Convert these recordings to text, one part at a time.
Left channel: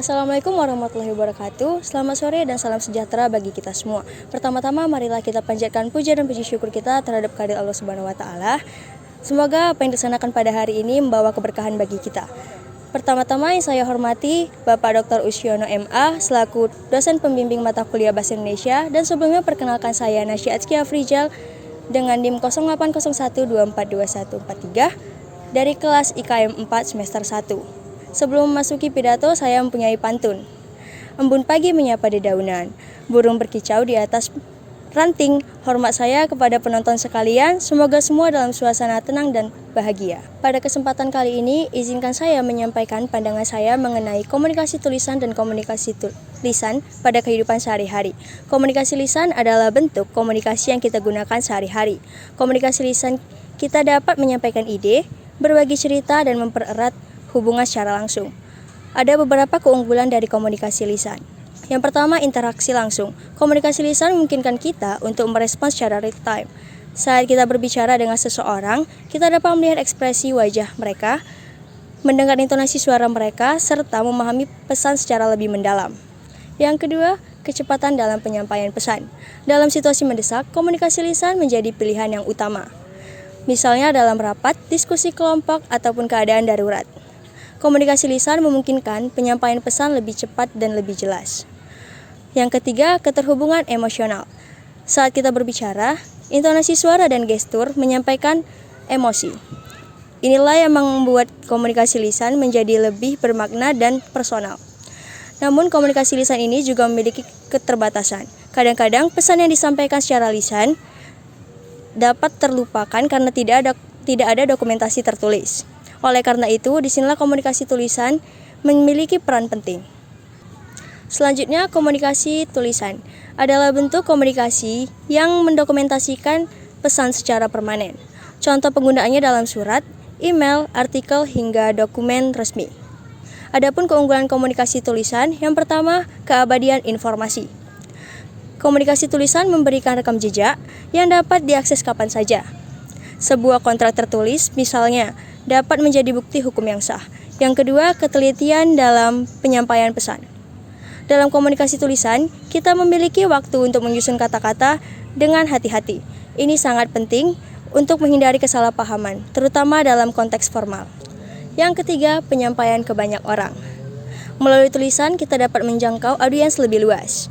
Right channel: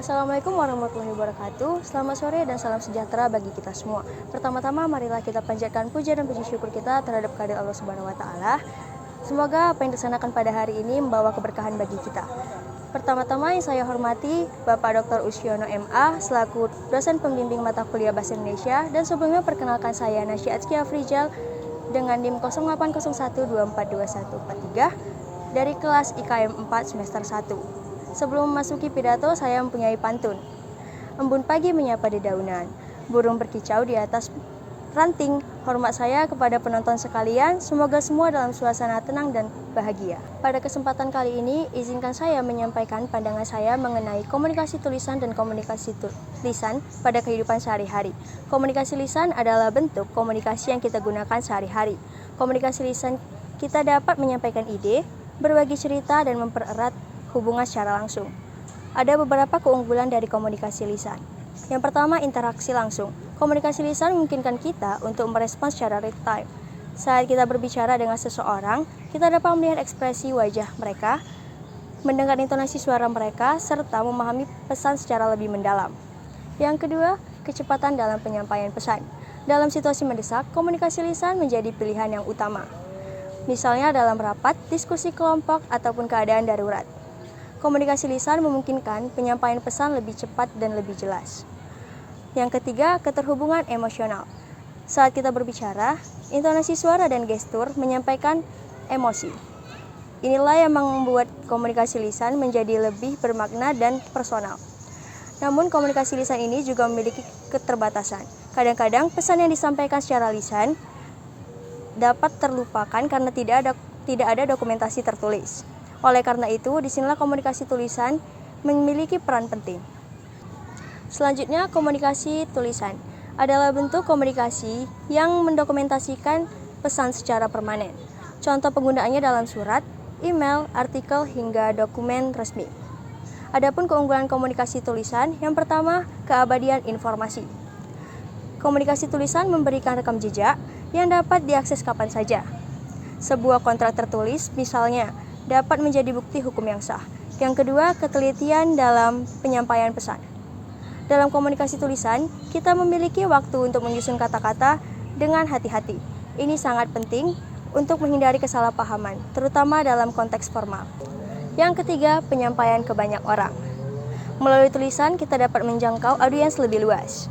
Assalamualaikum warahmatullahi wabarakatuh. Selamat sore dan salam sejahtera bagi kita semua. Pertama-tama marilah kita panjatkan puja dan puji syukur kita terhadap kehadirat Allah Subhanahu wa taala. Semoga apa yang dilaksanakan pada hari ini membawa keberkahan bagi kita. Pertama-tama yang saya hormati Bapak Dr. Usyono MA selaku dosen pembimbing mata kuliah Bahasa Indonesia, dan sebelumnya perkenalkan saya Nasya Atskia Afrizal dengan NIM 0801242143 dari kelas IKM 4 semester 1. Sebelum memasuki pidato, saya mempunyai pantun. Embun pagi menyapa dedaunan, burung berkicau di atas ranting. Hormat saya kepada penonton sekalian, semoga semua dalam suasana tenang dan bahagia. Pada kesempatan kali ini, izinkan saya menyampaikan pandangan saya mengenai komunikasi tulisan dan komunikasi lisan pada kehidupan sehari-hari. Komunikasi lisan adalah bentuk komunikasi yang kita gunakan sehari-hari. Komunikasi lisan kita dapat menyampaikan ide, berbagi cerita, dan mempererat hubungan secara langsung. Ada beberapa keunggulan dari komunikasi lisan. Yang pertama, interaksi langsung. Komunikasi lisan memungkinkan kita untuk merespons secara real time. Saat kita berbicara dengan seseorang, kita dapat melihat ekspresi wajah mereka, mendengar intonasi suara mereka, serta memahami pesan secara lebih mendalam. Yang kedua, kecepatan dalam penyampaian pesan. Dalam situasi mendesak, komunikasi lisan menjadi pilihan yang utama. Misalnya dalam rapat, diskusi kelompok, ataupun keadaan darurat. Komunikasi lisan memungkinkan penyampaian pesan lebih cepat dan lebih jelas. Yang ketiga, keterhubungan emosional. Saat kita berbicara, intonasi suara dan gestur menyampaikan emosi. Inilah yang membuat komunikasi lisan menjadi lebih bermakna dan personal. Namun, komunikasi lisan ini juga memiliki keterbatasan. Kadang-kadang pesan yang disampaikan secara lisan dapat terlupakan karena tidak ada dokumentasi tertulis. Oleh karena itu, disinilah komunikasi tulisan memiliki peran penting. Selanjutnya, komunikasi tulisan adalah bentuk komunikasi yang mendokumentasikan pesan secara permanen. Contoh penggunaannya dalam surat, email, artikel, hingga dokumen resmi. Adapun keunggulan komunikasi tulisan, yang pertama, keabadian informasi. Komunikasi tulisan memberikan rekam jejak yang dapat diakses kapan saja. Sebuah kontrak tertulis, misalnya, dapat menjadi bukti hukum yang sah. Yang kedua, ketelitian dalam penyampaian pesan. Dalam komunikasi tulisan, kita memiliki waktu untuk menyusun kata-kata dengan hati-hati. Ini sangat penting untuk menghindari kesalahpahaman, terutama dalam konteks formal. Yang ketiga, penyampaian ke banyak orang. Melalui tulisan, kita dapat menjangkau audiens lebih luas.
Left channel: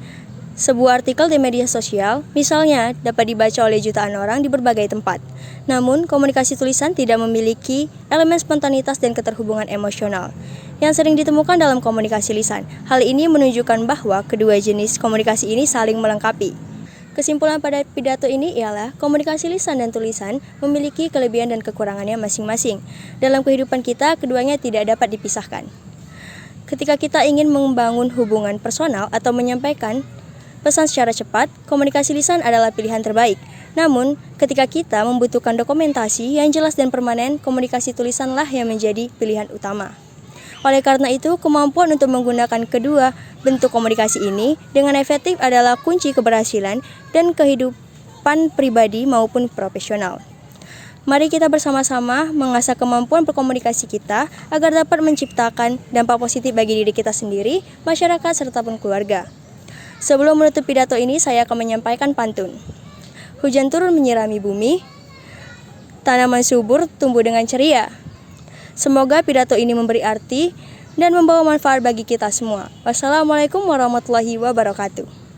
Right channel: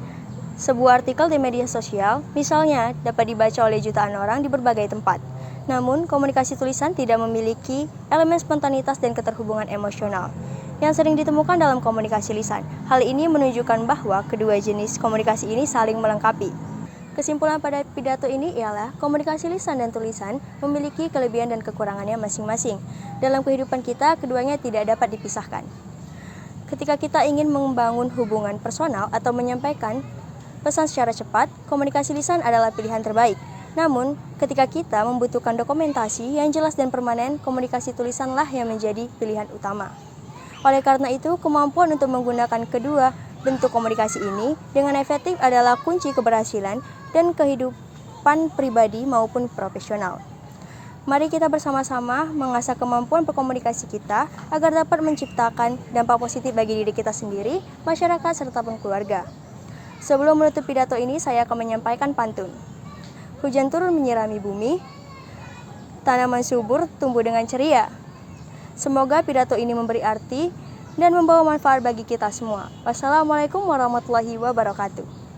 Sebuah artikel di media sosial, misalnya, dapat dibaca oleh jutaan orang di berbagai tempat. Namun, komunikasi tulisan tidak memiliki elemen spontanitas dan keterhubungan emosional yang sering ditemukan dalam komunikasi lisan. Hal ini menunjukkan bahwa kedua jenis komunikasi ini saling melengkapi. Kesimpulan pada pidato ini ialah komunikasi lisan dan tulisan memiliki kelebihan dan kekurangannya masing-masing. Dalam kehidupan kita, keduanya tidak dapat dipisahkan. Ketika kita ingin membangun hubungan personal atau menyampaikan pesan secara cepat, komunikasi lisan adalah pilihan terbaik. Namun, ketika kita membutuhkan dokumentasi yang jelas dan permanen, komunikasi tulisanlah yang menjadi pilihan utama. Oleh karena itu, kemampuan untuk menggunakan kedua bentuk komunikasi ini dengan efektif adalah kunci keberhasilan dan kehidupan pribadi maupun profesional. Mari kita bersama-sama mengasah kemampuan berkomunikasi kita agar dapat menciptakan dampak positif bagi diri kita sendiri, masyarakat, serta pun keluarga. Sebelum menutup pidato ini, saya akan menyampaikan pantun. Hujan turun menyirami bumi, tanaman subur tumbuh dengan ceria. Semoga pidato ini memberi arti dan membawa manfaat bagi kita semua. Wassalamualaikum warahmatullahi wabarakatuh.